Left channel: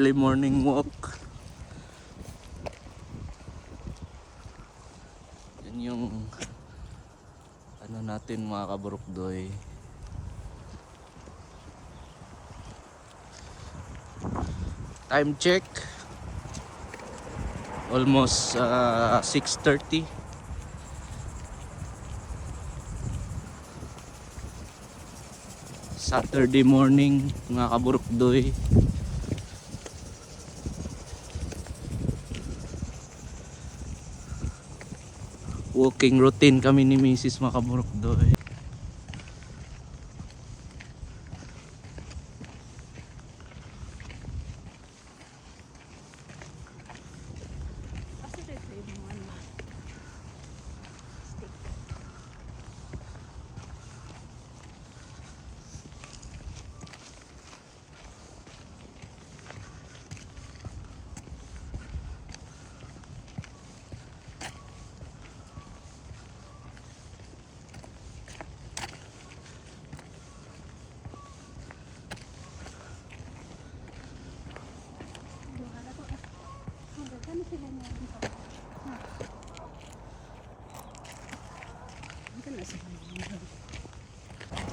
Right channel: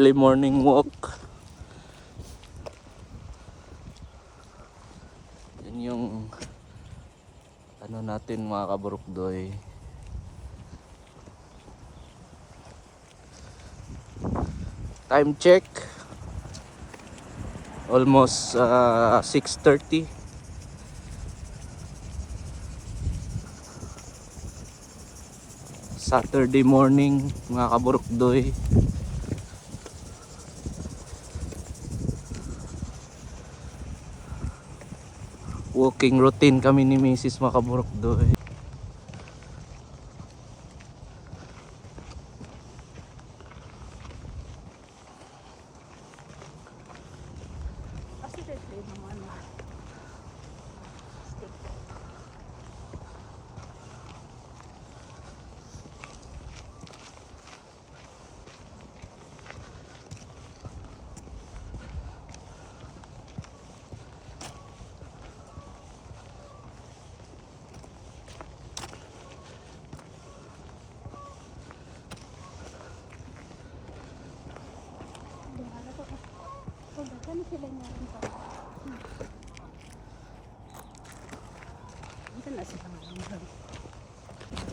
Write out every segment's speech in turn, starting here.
early morning walk. Yan yung ano natin mga kaburukdoy. Time check, almost 6:30. Saturday morning mga kaburukdoy. Walking routine kami ni Mrs. mga kaburukdoy.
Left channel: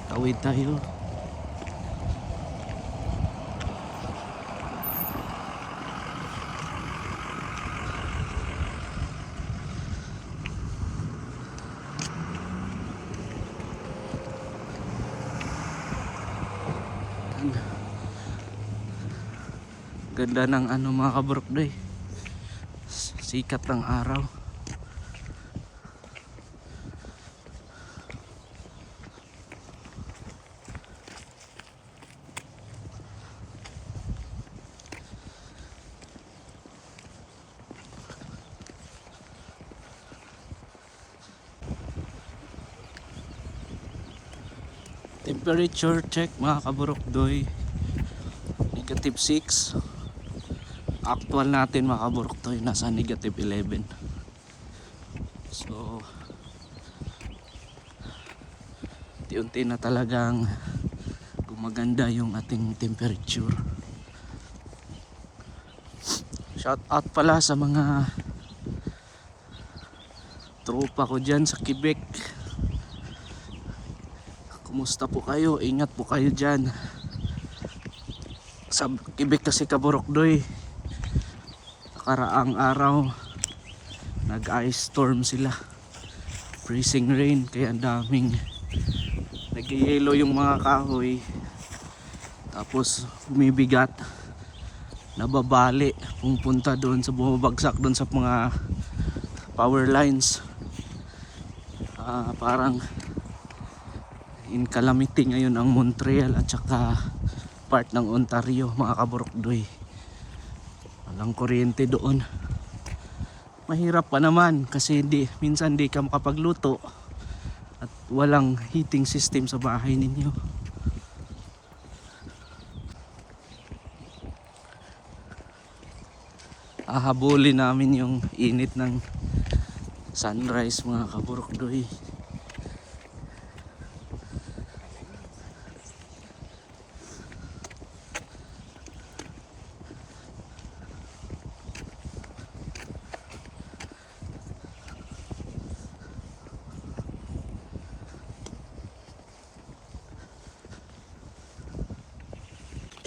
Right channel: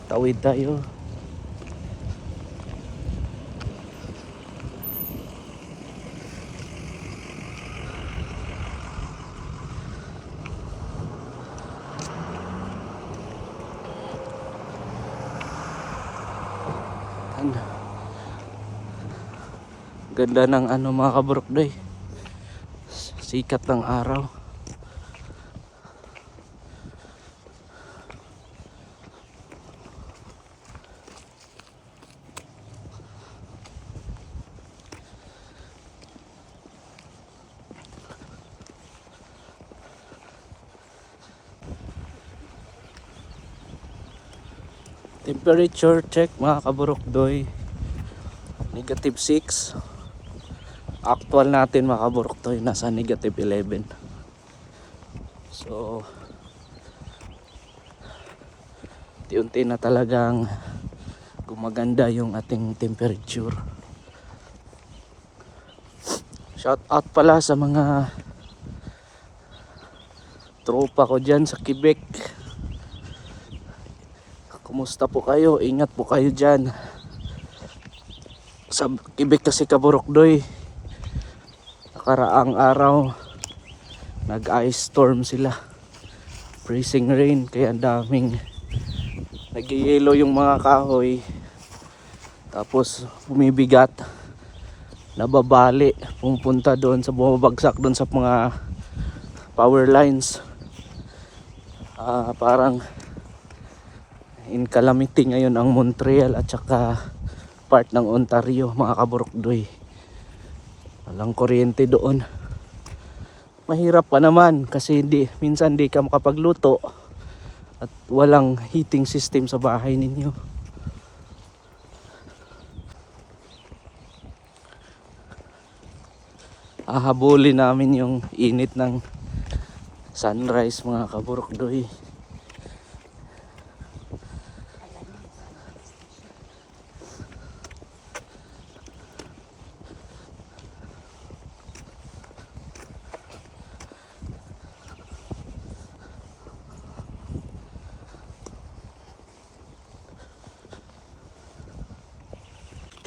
Tawid tayo. Ganda ng ano mga kaburukdoy. Sikat ng araw. Temperature check mga kaburukdoy, -6. Actual natin mga kaburukdoy nasa -11. So unti-unti na talagang gumaganda yung ating temperature. Shout out pala sa mga tropa ko dyan sa Quebec. Kumusta po kayo? Ingat po kayo dyan. Sa Quebec kasi kaburukdoy, nakaraang araw nag-ice storm sila. Freezing rain, kaya ang daming nag-yelo yung mga kahoy. Tapos bumibigat, nababali, pumunta doon sa bumabagsak doon sa mga power lines. Parang in calamity ngayon ang Montreal at saka part ng Ontario mga kaburukdoy. Walang kuryente doon. Mahirap pa naman kasi minsan di ka makapagluto at walang heating system sa bahay ninyo. Habulin namin yung init ng sunrise mga kaburukdoy.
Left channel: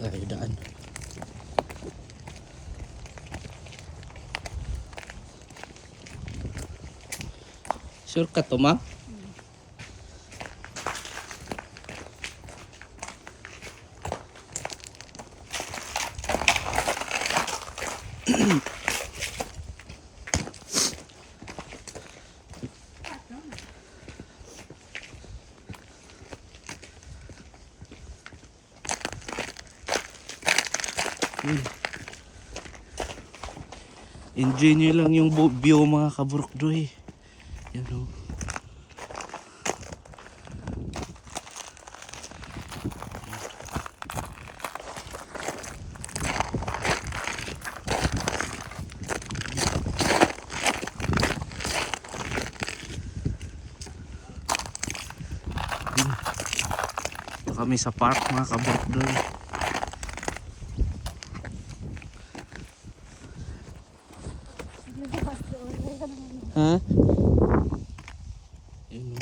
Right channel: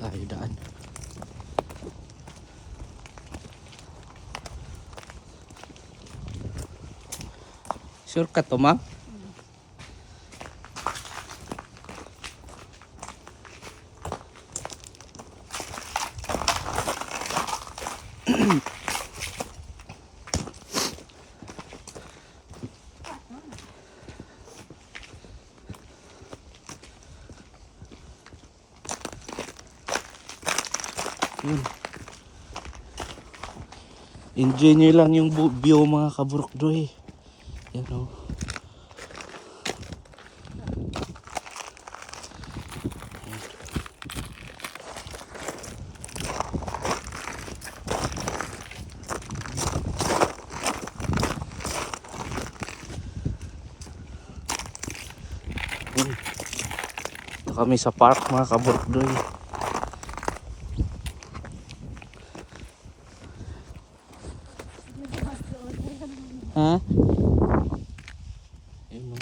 Tayo daan. Sure ka to ma? Enjoy nyo lang yung view mga kaburukdoy. Yan o. Ito kami sa park mga kaburukdoy. Ha? Yun, no?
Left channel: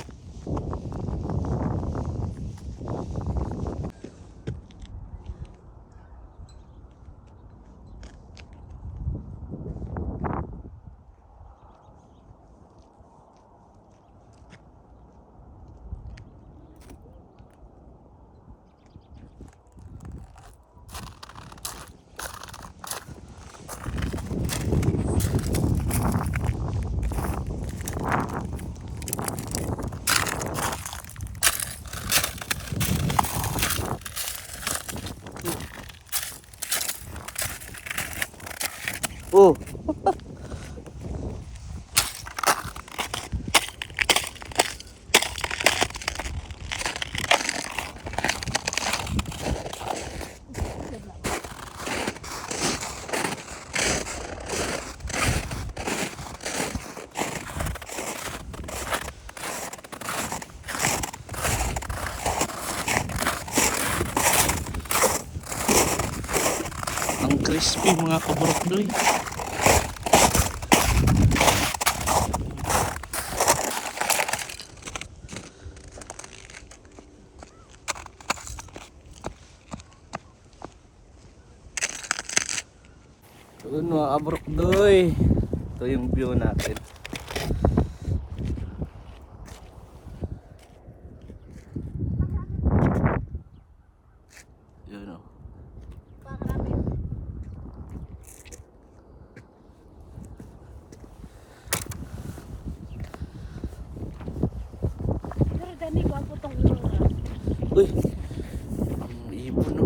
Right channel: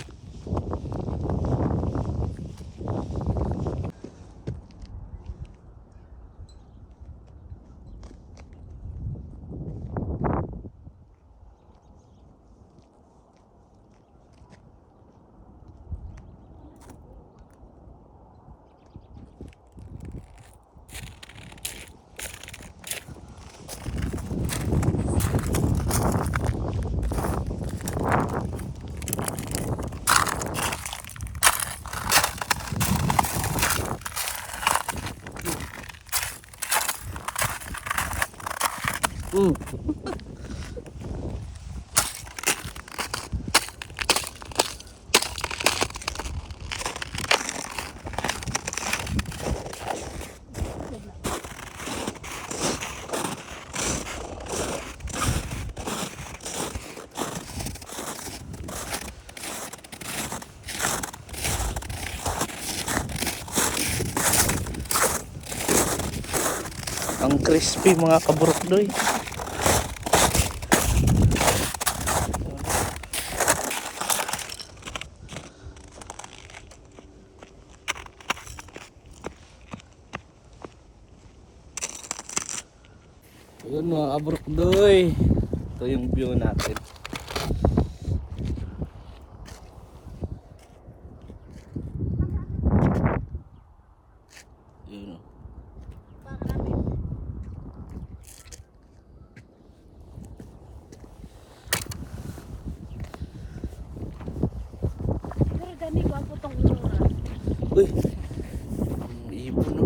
Oh. Ang crispy mga kaburokdoy. Yun mga kaburokdoy. Ito yung view natin. Yun o. Pero dami ko ako itong itura. Uy, ang ibon no.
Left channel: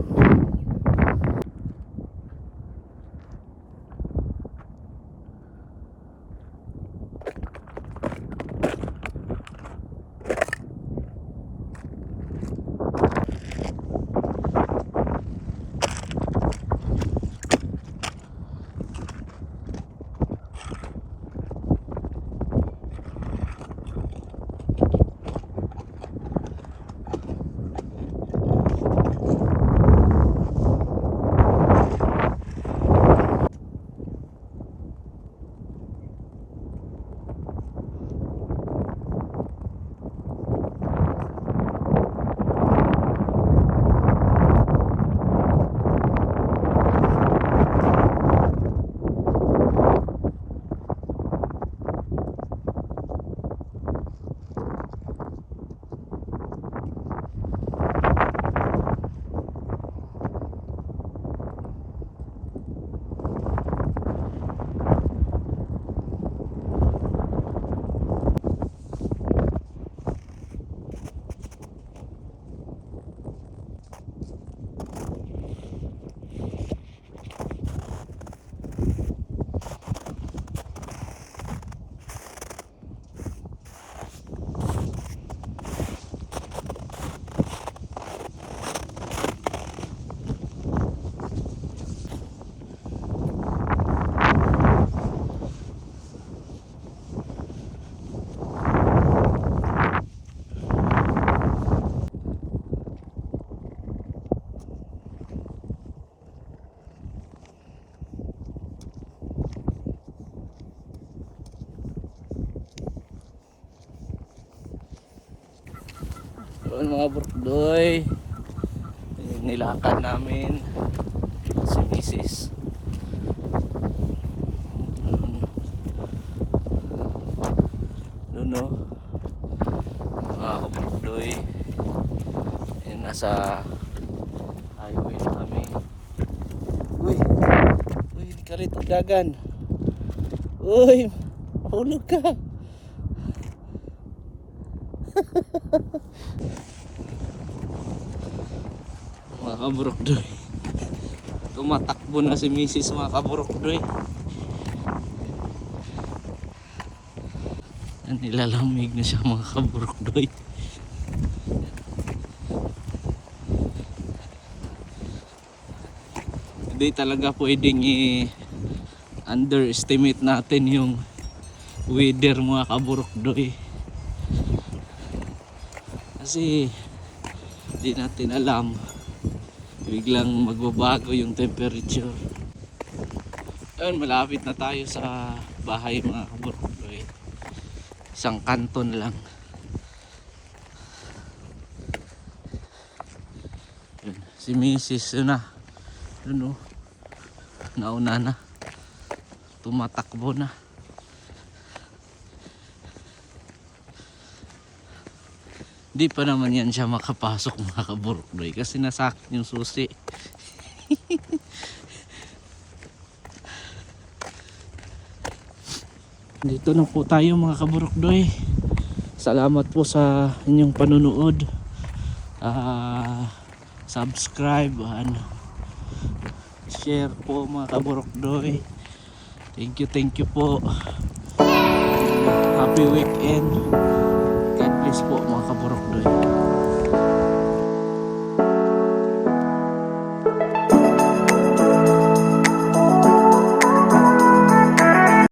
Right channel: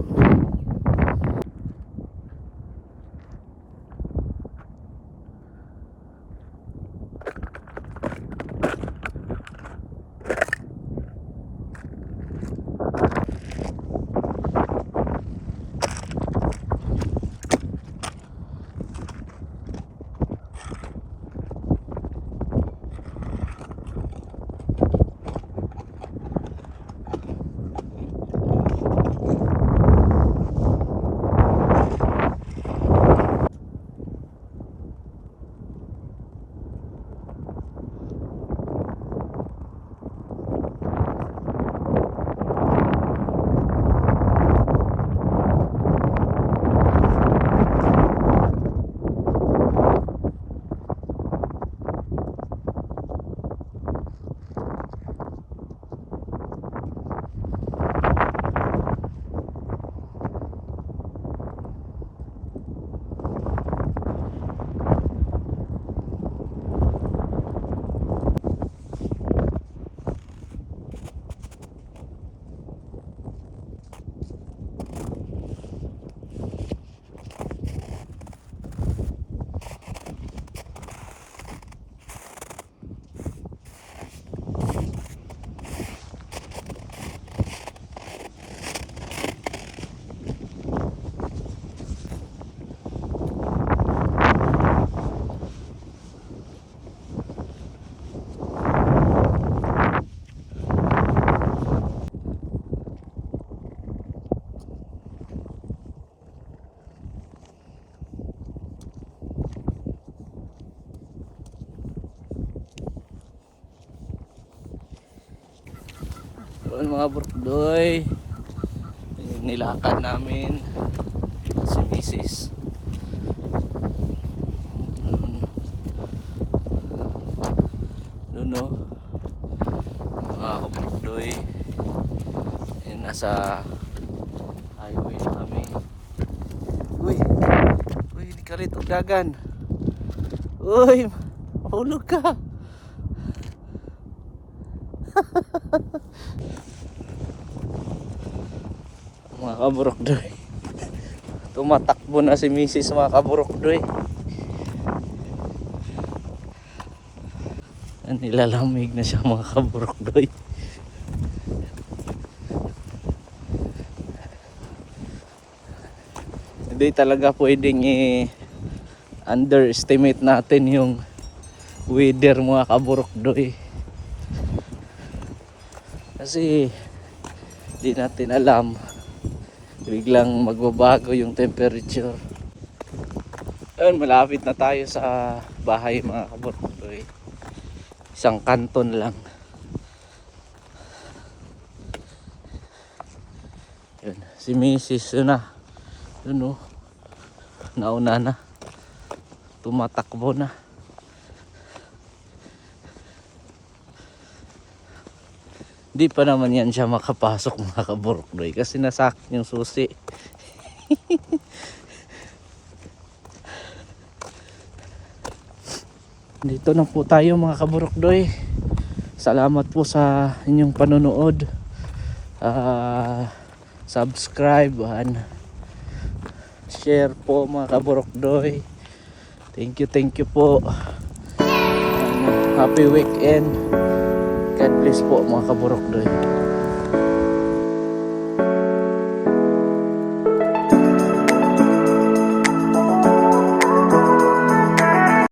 Yun mga burkdoy, nilakad namin si Mrs. Doon no, mga kaburkdoy, nasa highway na kami. Uy, di ka rito dagan. Uy, mahulog ka. Mga kaburokdoy, tumatakbo na si Mrs. mga kaburokdoy. Nilalamig na siya mga kaburokdoy. Hindi talaga pwedeng underestimate natin yung weather mga kaburokdoy. Kasi hindi natin alam, biglang magbabago yung temperature. Ayun, malapit na tayo sa bahay mga kaburokdoy. Isang kanton lang. Yun, si Mrs. yun na. Yun o. Nauna na. Tumatakbo na. Di pa naman yan siya makapasok mga kaburokdoy kasi nasakin yung susi. Dito na po tayo mga kaburokdoy. Salamat po sa inyong panonood. Subscribe and share po mga kaburokdoy. Thank you po. Happy weekend. God bless po mga kaburokdoy.